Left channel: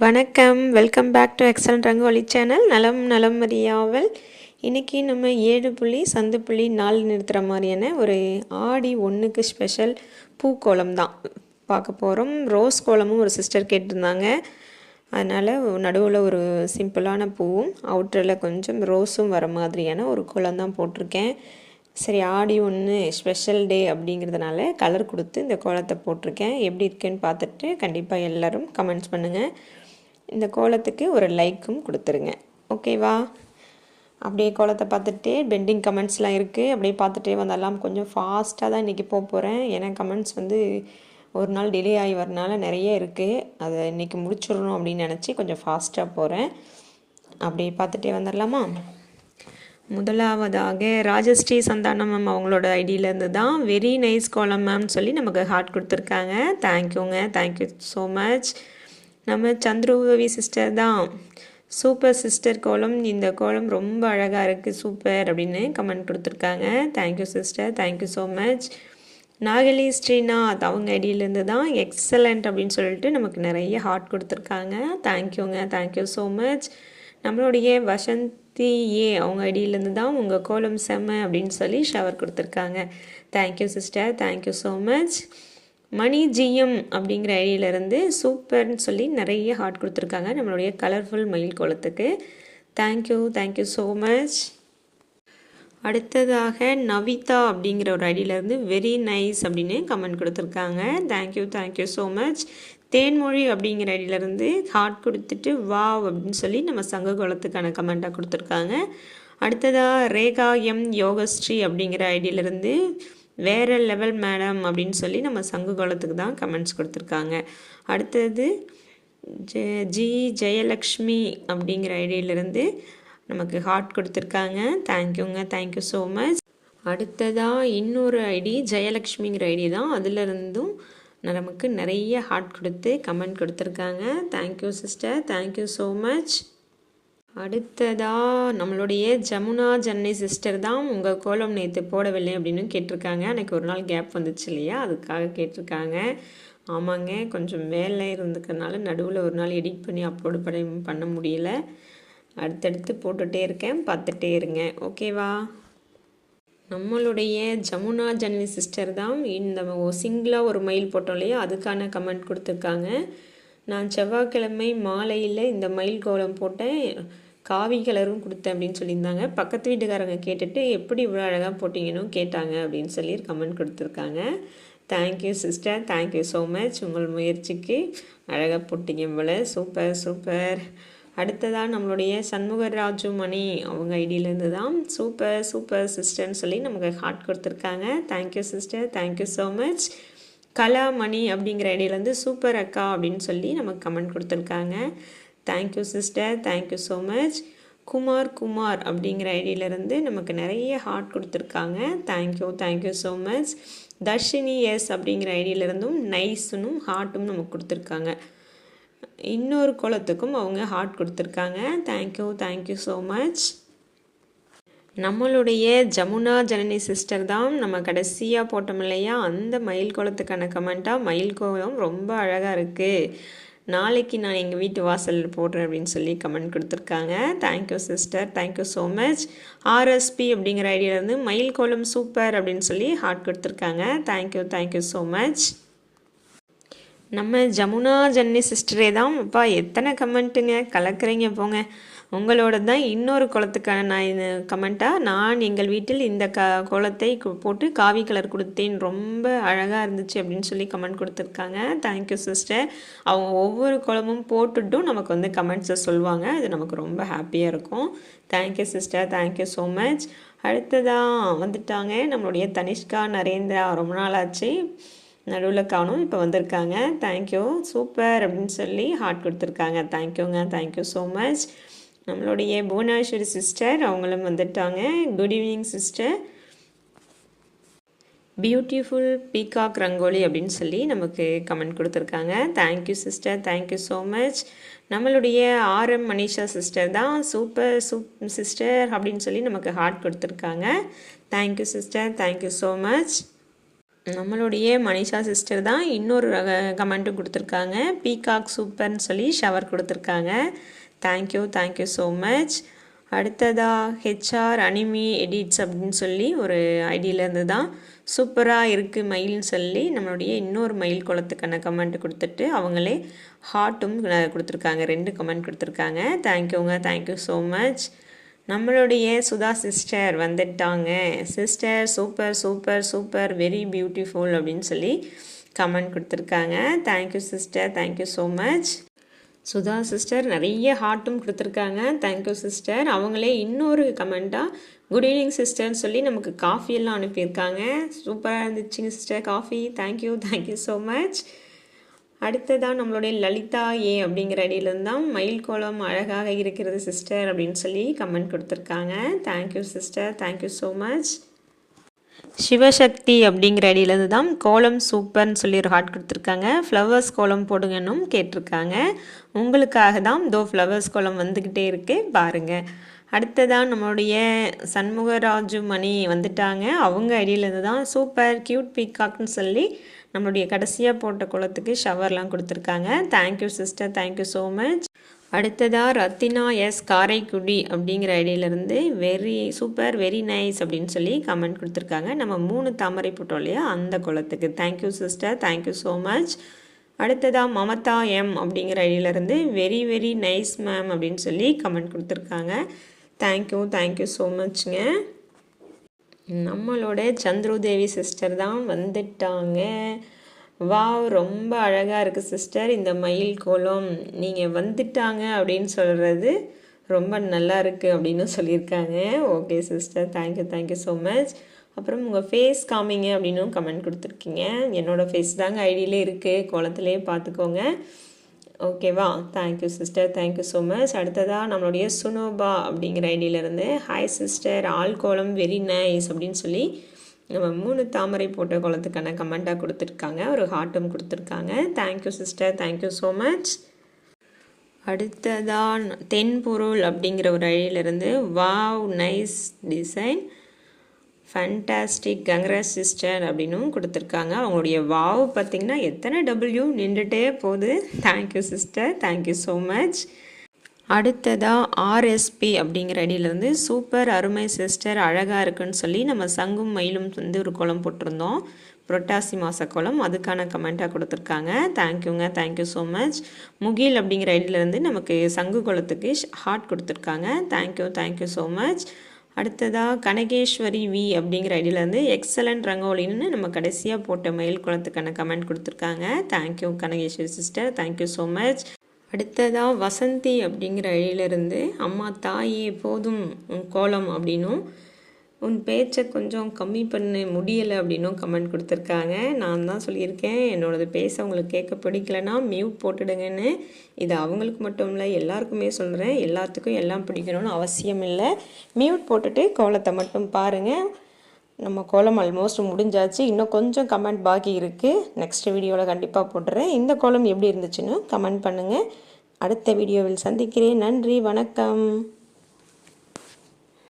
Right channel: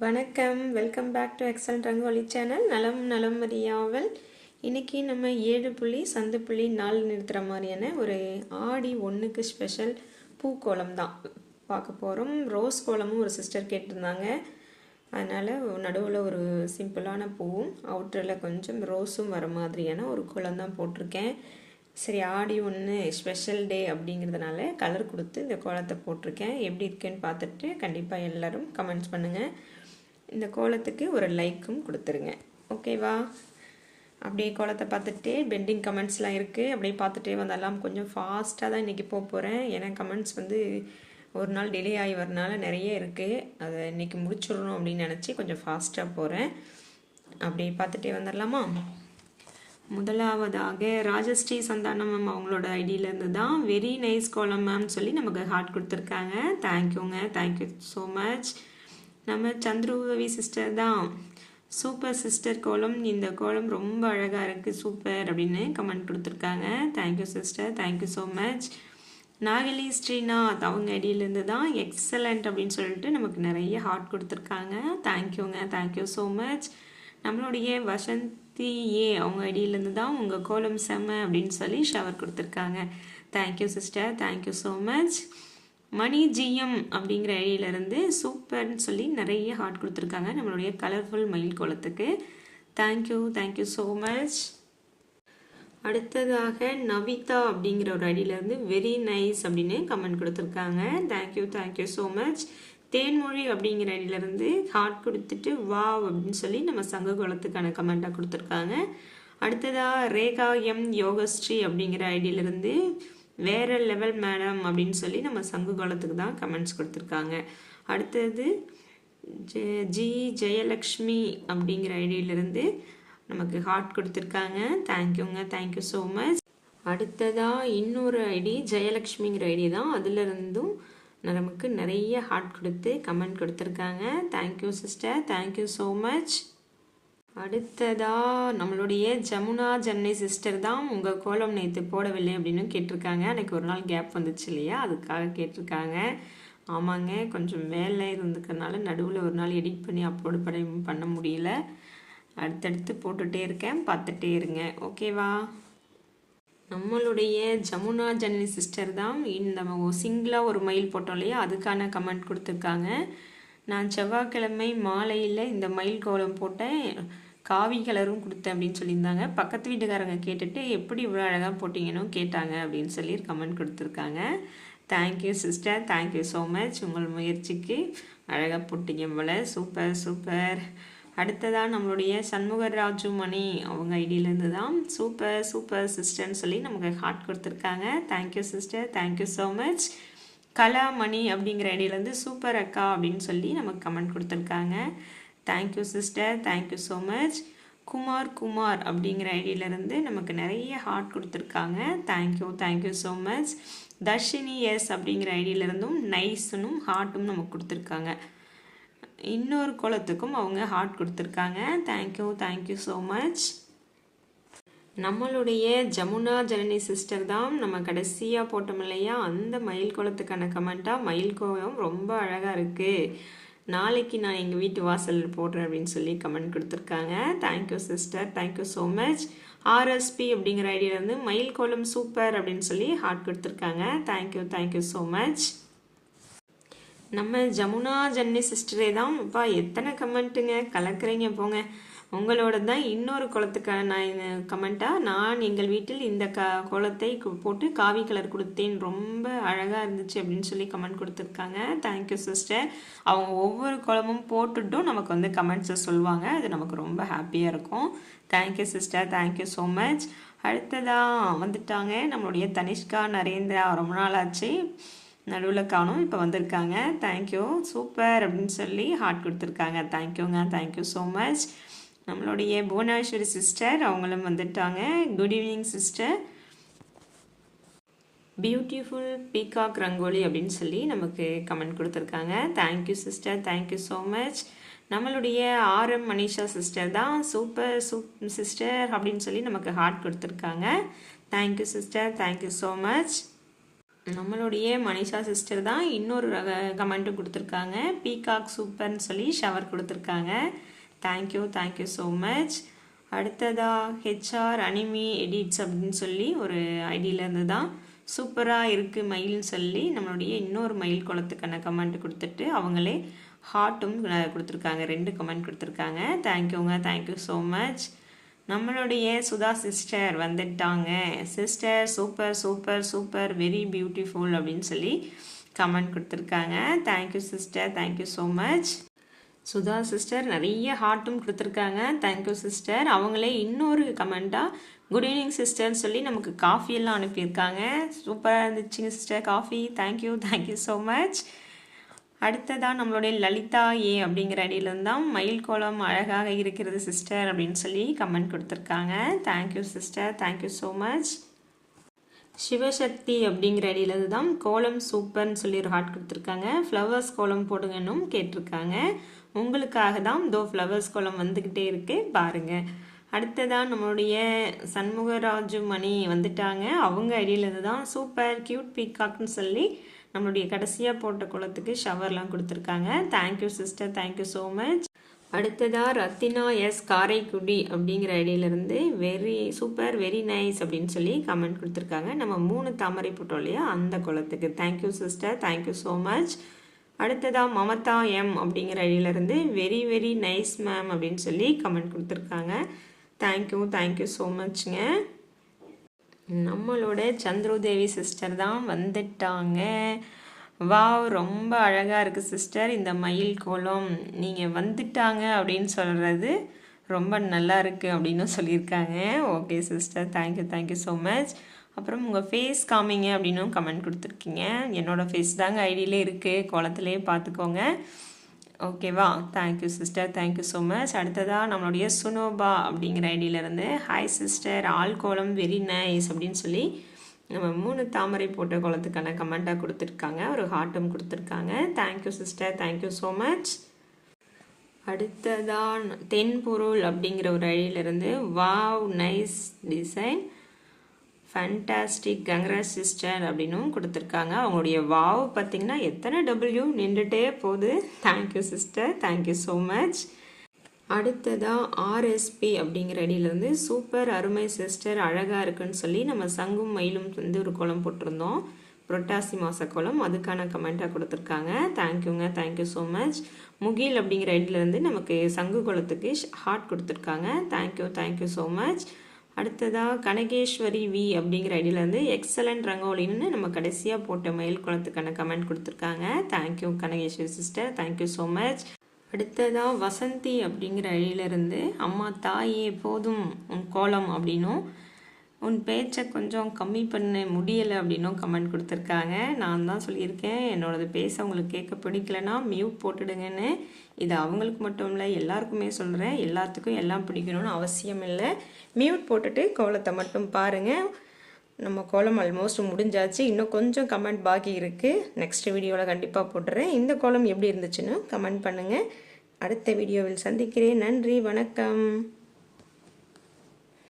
வணக்கம், welcome back to excellent Rangoli channel. நலம் நலம் அறியாவல். இன்றைக்கி நம்ம 7 புள்ளி சந்து புள்ளி 4 நிறுத்துகிற மாதிரியான ஒரு ஆடி 1க்கு ஸ்பெஷல் பூக்கோலம் தான் பார்க்க போகிறோம். ரோஸ் கோலமும் ஒரு சிஸ்டர் கேட்டிருந்தாங்க, அதனால் நடுவில் ஒரு சிம்பிளான பூவும் அவுட்டரில் கொஞ்சம் ரோஸும் வர மாதிரியான ஒரு கோலம் தான் போட்டிருக்கேன். சரி, ஆடி 1 ஸ்பெஷல் டே அப்படிங்கிறதுனால கலர் கொடுத்து இந்த கோலத்தை போட்டிருக்கேன். எப்படி இருக்குன்னு பார்த்துட்டு கண்டிப்பாக எல்லோரும் கமெண்ட்ஸ் பண்ணுங்கள். இந்த கோலத்துக்கு ஒரு லைக்கும் கொடுத்துருங்க, ஓகேவா? அப்படியே கோலத்தை பார்த்துட்டு பெண்டிங் கமெண்ட்ஸ்லாம் இருக்குது, அப்படியே பார்த்துட்டே வந்தாலும் கொஞ்சம் ஃபாஸ்ட்டாக தான் இன்றைக்கி போகிறேன். ஏன்னா கமெண்ட்ஸ் ஒரு நாள் டிலே ஆகி வரனால நிறைய இருக்குது, அதை இன்றைக்கி முடிச்சிடணும் அப்படின்னு நினச்சி கொஞ்சம் ஃபாஸ்ட்டாக போகிறேன். அப்படியே பார்த்துட்டே வந்துடலாமா? முதலாவதாக ராஜஸ்ரீ சந்தானம் மேம் அவங்களோட ஐடியிலேருந்து தான் வெரி நைஸ் கோலம் மேம்னு சொல்லி நமக்கு ஹார்ட் கொடுத்துருக்காங்க. தேங்க்யூங்க, தேங்க்யூ ஸோ மச். நம்ம சந்துருவி சிஸ்டர் தான் சூப்பர் சிஸ்டர் கோலம், இந்த கோலம் ரொம்ப அழகாக இருக்குது சூப்பர் அப்படின்னு கமெண்ட் கொடுத்துருக்காங்க. Thank you sister, thank you so much. Nagali Srinath அவங்க ஐடியிலேருந்து தான் எக்ஸலண்ட் அப்படின்னு சொல்லிட்டு நமக்கு நிறைய ஹார்ட் கொடுத்துருக்காங்க. தேங்க்யூங்க, தேங்க்யூ ஸோ மச். நம்மளுடைய வசந்தி அவங்க ஐடியிலேருந்து தான் உங்கள் கோலம் செம்ம அப்படின்னு சொல்லி ஷவர் கொடுத்துருக்காங்க. Thank you sister, thank you so much. Mani GM அப்படிங்கிற ஐடியிலேருந்து சூப்பர்னு சொல்லி நிறைய ஹார்ட் கொடுத்துருக்காங்க நம்மளுடைய கலர்ஃபுல் மயில் கோலத்துக்கு. Thank you, thank you so much. அடுத்ததாக நவிதா அப்படிங்கிற ஒரு ஐடியிலேருந்து வெரி நைஸ் அப்படின்னு கமெண்ட் கொடுத்துருக்காங்க. Thank you, thank you so much. Thenmozhi அப்படிங்கிற ஐடியிலேருந்து ஹார்ட் கொடுத்துட்டு வாவ் அப்படின்னு சொல்லி நம்ம சங்க கோலத்துக்கான கமெண்ட்டாக கொடுத்துருக்காங்க. அடுத்ததாக ரேகா எம் யோகஸ்ரீ அப்படிங்கிற ஐடியிலேருந்து வேறு லெவல் மேடம் அப்படின்னு சொல்லி நம்ம சங்க கோலத்துக்கு தான் கமெண்ட்ஸ் கொடுத்துருக்காங்க. அடுத்தது ஜி ஜெயலக்ஷ்மி அப்படிங்கிற ஐடியிலேருந்து நமக்கு ஹார்ட் கொடுத்துருக்காங்க. தேங்க்யூங்க, தேங்க்யூ ஸோ மச். அடுத்ததாக இன்னொரு ஐடி ஜெயலக்ஷ்மிங்கிற ஐடி தான், அதிலிருந்தும் நமக்கு நிறைய ஹார்ட் கொடுத்து கமெண்ட் கொடுத்துருக்காங்க. Thank you sister, thank you so much. அடுத்ததாக நம்மளுடைய ஜமுனா ஜன்னி சிஸ்டர் தான் உங்கள் கோலம் நேற்று போடவில்லை அப்படின்னு கேட்டிருக்காங்க. எனக்கு ஒரு நாள் கேப் வந்துச்சு இல்லையா, அதுக்காக கேட்டிருக்காங்க. ஆமாங்க, கொஞ்சம் வேலை இருந்துக்கிறதுனால நடுவில் ஒரு நாள் எடிட் பண்ணி அப்லோடு பண்ண முடியல. அடுத்தடுத்து போட்டுகிட்டே இருக்கேன், பார்த்துட்டே இருங்க, ஓகேவா? நம்மளுடைய ஜமுனா ஜன்னி சிஸ்டர் தான் இந்த சிங்கிளாக ஒரு மயில் போட்டோம் இல்லையா, அதுக்கான கமெண்ட் கொடுத்துருக்காங்க. நான் செவ்வாய்க்கிழமை மாலையில் இந்த மயில் கோலம் போட்டேன், காவி கலரும் கொடுத்தேன் அப்படின்னு சொல்லியிருந்தாங்க. பக்கத்து வீட்டுக்காரங்க கேட்டுட்டு எப்படி இவ்வளோ அழகாக போட்டிங்கன்னு கேட்டாங்க அப்படின்னு சொல்லி கமெண்ட் கொடுத்துருக்காங்க. Thank you sister, thank you so much. உங்கள் முயற்சிக்கு அழகாக போட்டிங்க போல், சூப்பர் சூப்பர். அடுத்ததாக நம்மளுடைய சண்முகராஜு மணி அவங்க ஐடியிலேருந்து தான் சூப்பர் சூப்பர் சிஸ்டர்னு சொல்லி நமக்கு ஹார்ட் கொடுத்துருக்காங்க. Thank you sister, thank you so much. Kalamani அப்படிங்கிற ஐடியிலேருந்து சூப்பர் அக்கா அப்படின்னு சொல்லி நமக்கு கமெண்ட் கொடுத்துருக்காங்க. Thank you sister, thank you so much. Kumar அப்படிங்கிற ஐடியிலேருந்து நமக்கு நிறைய ஹார்ட் கொடுத்துருக்காங்க. Thank you, thank you so much. Dharshini S அப்படிங்கிற ஐடியிலேருந்தும் நைஸும் ஹார்ட்டும் நமக்கு கொடுத்துருக்காங்க. இன்னொரு கோலத்துக்கும் அவங்க ஹார்ட் கொடுத்துருக்காங்க. Thank you, thank you so much. நம்மளுடைய ஜமுனா ஜனனி சிஸ்டர் தான் நம்ம கடைசியாக போட்டோம் இல்லையா, அந்த மயில் கோலத்துக்கான கமெண்ட்டாக மயில் கோலம் ரொம்ப அழகாக இருக்குது, நாளைக்கு நான் எங்கள் வீட்டு வாசலில் போடுறேன் அப்படின்னு சொல்லி கமெண்ட் கொடுத்துருக்காங்க. Thank you sister, thank you so much. RSP அப்படிங்கிற ஐடியாவிலேருந்து மயில் கோலம் சூப்பர் அப்படின்னு சொல்லி ஹார்ட் கொடுத்துருக்காங்க. Thank you, thank you so much. நம்ம ஜமுனா ஜன்னி சிஸ்டரே தான். அப்பா எத்தனை கமெண்ட்டுங்க, கலக்குறீங்க போங்க. உங்களோட தான் இன்னொரு கோலத்துக்கான நான் கமெண்ட்டாக நான் எங்கள் வீட்டில் இந்த கோலத்தை போட்டு காவி கலர் கொடுத்தேன், ரொம்ப அழகாக இருந்துச்சு அப்படின்னு சொல்லி கமெண்ட் கொடுத்துருக்காங்க. Thank you sister. அவங்க ஒவ்வொரு கோலமும் போட்டுட்டும் நமக்கு கமெண்ட்ஸை சொல்லுவாங்க, அது நமக்கு ரொம்ப ஹாப்பியாக இருக்கும். Thank you sister, thank you so much. அடுத்ததாக வந்துட்டாங்க நம்மளுடைய தனிஷ்கா நரேந்திரா, ரொம்ப நாள் ஆச்சு, நடுவில் காணும், இப்போ வந்திருக்காங்க. தேங்க்யூ, சூப்பர் அப்படின்னு சொல்லி ஹார்ட் கொடுத்துருக்காங்க. தேங்க்யூங்க, தேங்க்யூ ஸோ மச். நம்மளுடைய புவனேஸ்வரி சிஸ்டர் அவங்களும் வந்துட்டாங்க. Good evening sister. Beautiful peacock rangoli அப்படின்னு சொல்லி நமக்கு கமெண்ட் கொடுத்துருக்காங்க. Thank you sister, thank you so much. நம்மளுடைய ஆர்எம் மனிஷா சிஸ்டர் தான் சூப்பர் சிஸ்டர் அப்படின்னு சொல்லி நமக்கு ஹார்ட் கொடுத்துருக்காங்க. Thank you sister, thank you so much. நம்மளுடைய மனிஷா சிஸ்டர் தான் இன்னொரு கமெண்ட்டும் கொடுத்துருக்காங்க. பீகாக் சூப்பர்னு சொல்லி ஷவர் கொடுத்துருக்காங்க. Thank you so much. அடுத்ததாக ஹெச்ஆர் அனிமி எடிட்ஸ் அப்படின்னு சொல்லி ஒரு ஐடியிலேருந்து தான் சூப்பராக இருக்குது மயில்னு சொல்லி நம்மளுடைய இன்னொரு மயில் குளத்துக்கான கமெண்ட் கொடுத்துட்டு அவங்களே ஹார்ட்டும் கொடுத்துருக்காங்க. 2 கமெண்ட் கொடுத்துருக்காங்க. Thank you so much. நம்மளுடைய சுதா சிஸ்டர் வந்துட்டாங்க. சிஸ்டர் சூப்பர் வெரி பியூட்டிஃபுல் அப்படின்னு சொல்லி கமெண்ட் கொடுத்துருக்காங்க. Thank you sister, thank you so much. Sudha sister நிறைய ஹார்ட்டும் கொடுத்துருக்காங்க. Thank you sister. அவங்களே இன்னொரு கமெண்ட்டாக குட் ஈவினிங் சிஸ்டர்னு சொல்லி நமக்கு காஃபியெல்லாம் அனுப்பியிருக்காங்க. சூப்பராக இருந்துச்சுங்க sister coffee. Thank you so much. அடுத்ததான் நம்மளுடைய லலிதா ஏ அப்படிங்கிற ஐடியிலேருந்து தான் மயில் கோலம் அழகாக இருக்கிறது சிஸ்டர் அப்படின்னு சொல்லி கமெண்ட் கொடுத்துருக்காங்க. Thank you sister, thank you so much. Sivasakthi அப்படிங்கிற ஐடியிலேருந்து தான் கோலம் சூப்பர்னு சொல்லி ஒரு ஹார்ட் கொடுத்துருக்காங்க. ஃப்ளவர்ஸ் கோலம் போடுங்கன்னும் கேட்டிருக்காங்க. உங்களுக்காக தான் ஃப்ளவர்ஸ் கோலம் வந்துக்கிட்டே இருக்குது பாருங்கள். அடுத்ததான் நம்மளுடைய சண்முகராஜு மணி வந்துட்டாங்க. அவங்க ஐடியிலேருந்து தான் சூப்பர் கியூட் பீகாக்னு சொல்லி நம்மளுடைய கடைசியாக போட்ட குளத்துக்கு ஷவர்லாம் கொடுத்துருக்காங்க. Thank you sister, thank you so much. அடுத்ததாக ரத்தினா எஸ் காரைக்குடி அப்படிங்கிற ஐடியிலேருந்து வெரி சூப்பர் வெரி நைஸ் அப்படின்னு சொல்லி கமெண்ட் கொடுத்துருக்காங்க. நம்ம 3 தாமரை போட்டோம் இல்லையா அந்த குளத்துக்கு. Thank you sister, thank you so much. அடுத்ததாக மமதா எம் அப்படிங்கிற ஐடியிலேருந்து வெரி நைஸ் மேம் அப்படின்னு சொல்லி கமெண்ட் கொடுத்துருக்காங்க. தேங்க்யூ ஸோ மச்ங்க. நம்மளோட சந்திரதேவி சிஸ்டர் தான் வந்துட்டாங்க. வாவ் ரொம்ப அழகாக இருக்குது சிஸ்டர் இந்த மயில் கோலம். நீங்கள் வந்துட்டாங்க அப்படின்னு சொல்கிறது ரொம்ப நல்லா இருக்குது அப்படின்னு சொல்லியிருக்காங்க. Okay sister, thank you so much. அப்புறம் உங்கள் ஃபேஸ் காமிங்க அப்படின்னும் கமெண்ட் கொடுத்துருக்கீங்க. என்னோடய ஃபேஸ் தாங்க ஐடியிலே இருக்குது, கோலத்திலே பார்த்துக்கோங்க. ஓகேவா? Thank you sister, thank you so much. அடுத்ததாக நம்மளுடைய சுனோபா அப்படிங்கிற ஐடியிலேருந்து ஹாய் சிஸ்டர் ஆல் கோலம் வெரி நைஸ் அப்படின்னு சொல்லி நம்ம 3 தாமரை போட்ட கோலத்துக்கான கமெண்ட்டாக கொடுத்துருக்காங்க. ஒரு ஹார்ட்டும் கொடுத்துருக்காங்க. Thank you sister, thank you so much. அடுத்ததாக தென்பொருள் அப்படிங்கிற ஒரு ஐடியிலேருந்து wow nice design fantastic congrats sister அப்படின்னும் கொடுத்துருக்காங்க. அவங்களுடைய வாவ் பார்த்திங்கன்னா எத்தனை டபிள்யூ நின்றுட்டே போகுது. Thank you sister, thank you so much. அடுத்ததாக ஆர்எஸ்பி அப்படிங்கிற ஐடியிலேருந்து சூப்பர் அருமை சிஸ்டர் அழகாக இருக்குன்னு சொல்லி நம்ம சங்கும் மயிலும் வந்து ஒரு கோலம் போட்டிருந்தோம். புரட்டாசி மாத கோலம், அதுக்கான கமெண்ட்டாக கொடுத்துருக்காங்க. Thank you so much. முகில் அப்படிங்கிற ஐடியிலேருந்து நமக்கு சங்கு கோலத்துக்கு ஹார்ட் கொடுத்துருக்காங்க. Thank you so much. அடுத்ததாக கனகேஸ்வரி வி அப்படிங்கிற ஐடியிலேருந்து எக்ஸலண்ட் ரங்கோலின்னு நம்ம கடைசியாக போட்ட மயில் குளத்துக்கான கமெண்ட் கொடுத்துருக்காங்க. Thank you Kanakeswari sister, thank you so much. அடுத்ததாக வசந்தி அப்படிங்கிற ஐடியிலேருந்து அம்மா தாயே போதும் உன் கோலம் அப்படின்னும் உன் பேச்சை கொஞ்சம் கம்மி பண்ண முடியலை அப்படின்னும் கமெண்ட் கொடுத்துருக்காங்க. நான் தான் சொல்லியிருக்கேன் என்னோடது பேச உங்களுக்கு கேட்க பிடிக்கலைன்னா மியூட் போட்டுடுங்கன்னு. இது அவங்களுக்கு மட்டும் இல்லை எல்லாருக்குமே சொல்கிறேன். எல்லாத்துக்கும் எல்லாம் பிடிக்கணும்னு அவசியம் இல்லை. மியூட் போட்டுட்டு கோலத்தை மட்டும் பாருங்கள். நம்ம கோலம் ஆல்மோஸ்ட் முடிஞ்சாச்சு. இன்னும் கொஞ்சம் கமெண்ட் பாக்கி இருக்குது. நெக்ஸ்ட் வீடியோவில் கண்டிப்பாக போட்டுறேன். இந்த கோலம் எப்படி இருந்துச்சுன்னு கமெண்ட் பண்ணுங்கள். அடுத்த வீடியோவில் சந்திக்கிறேன். நன்றி, வணக்கம்.